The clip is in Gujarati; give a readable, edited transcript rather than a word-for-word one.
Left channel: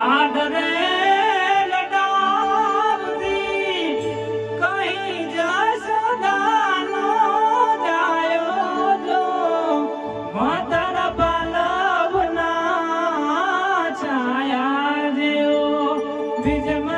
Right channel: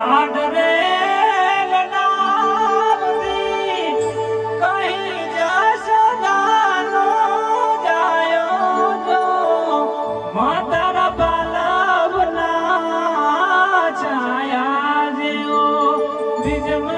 આડરે લડાવતી કહી જસદાનો જાયો જો માતારા બાલવના છાયા જેવો બીજમાં